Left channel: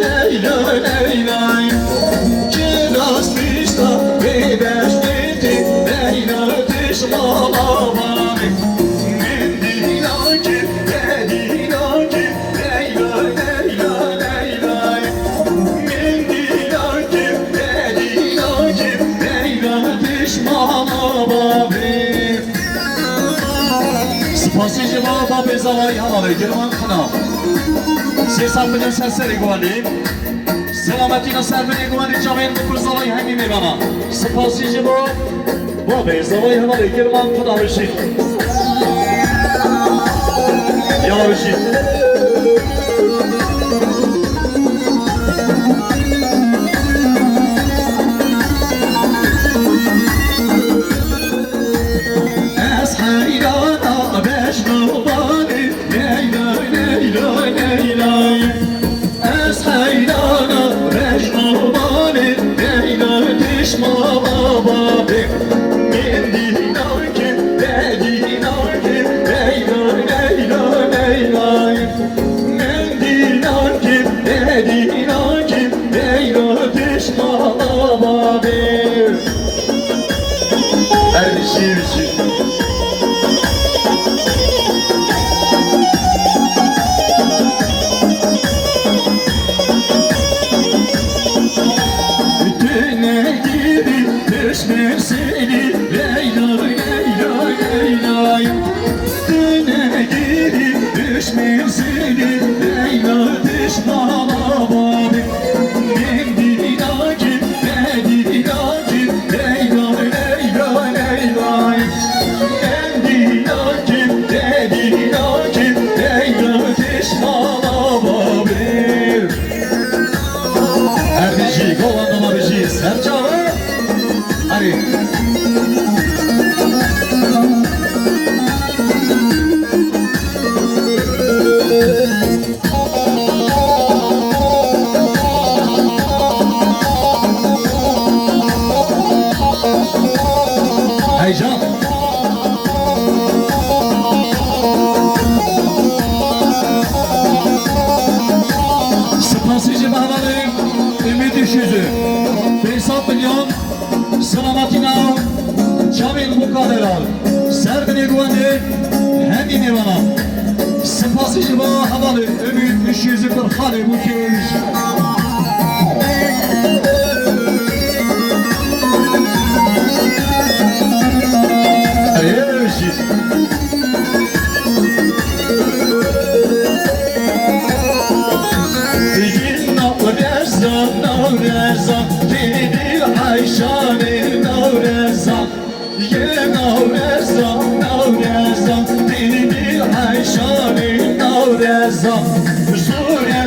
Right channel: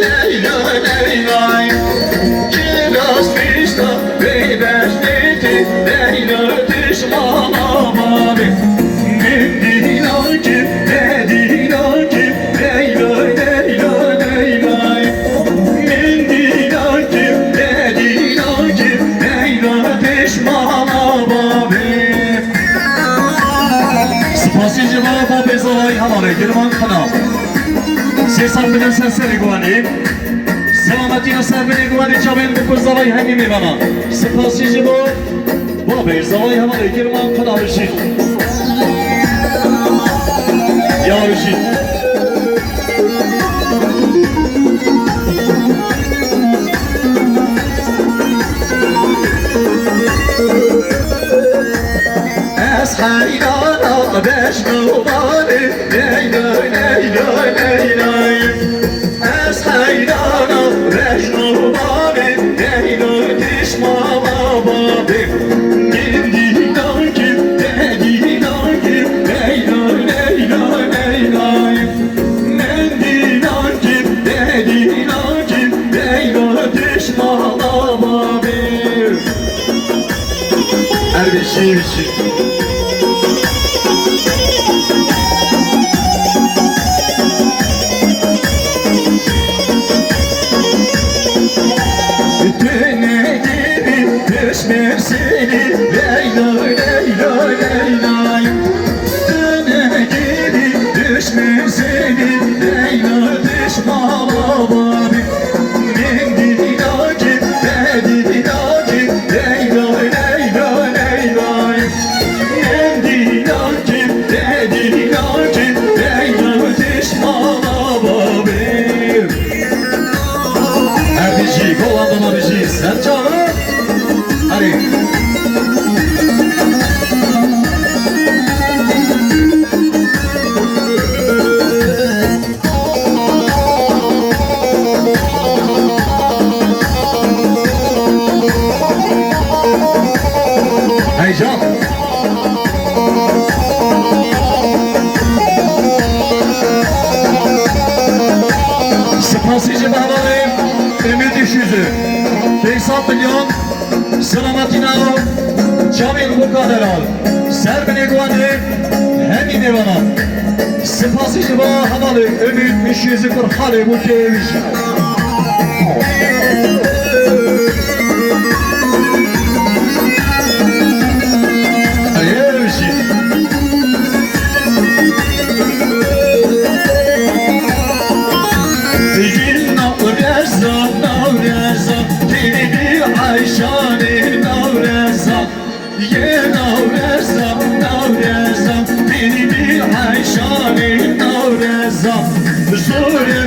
Leyla Leyla Kiraz pişta beybeş dedi Leyla düşmanamadı Dediler ki dediler ki Leyla Leyla Leyla Dediler ki dediler ki Leyla düşmanamadı Spasici baba bezalay havalı girman kanal Sesafinin sesleri güveni Selametine sevgili güveni Cabin bu kızlavayı hangimi bana Spasici bu bezalay havalı girman kanalı için Ya için Es haydana beş nubani Leyla Leyla Leyla Es haydana beş nubani Leyla düşmanamadı Dediler ki dediler ki Leyla Leyla Leyla Dediler ki dediler ki Leyla düşmanamadı Her bir şey seni Leyla Leyla Leyla Döne geri düşmüş seni Leyla düşmanamadı Dediler ki dediler ki Leyla Leyla Leyla Dediler ki dediler ki Leyla düşmanamadı Abici kolandan abici sen canım Hadi. Heyecan. Spasici bağlanayım. Ümit Üşüzü. 5 milyon. Selametine al, Camil Bukaderal, Serbine güvenli, hemine bana. Spasici bana havalı, Ümit 540 hali bu keyif. Hayır bir şey. Bizim navrezam, navrezam, dedi Ayşe'nin navrezam. Ye navrezam, navrezam, dedi Ayşe'nin navrezam. Zor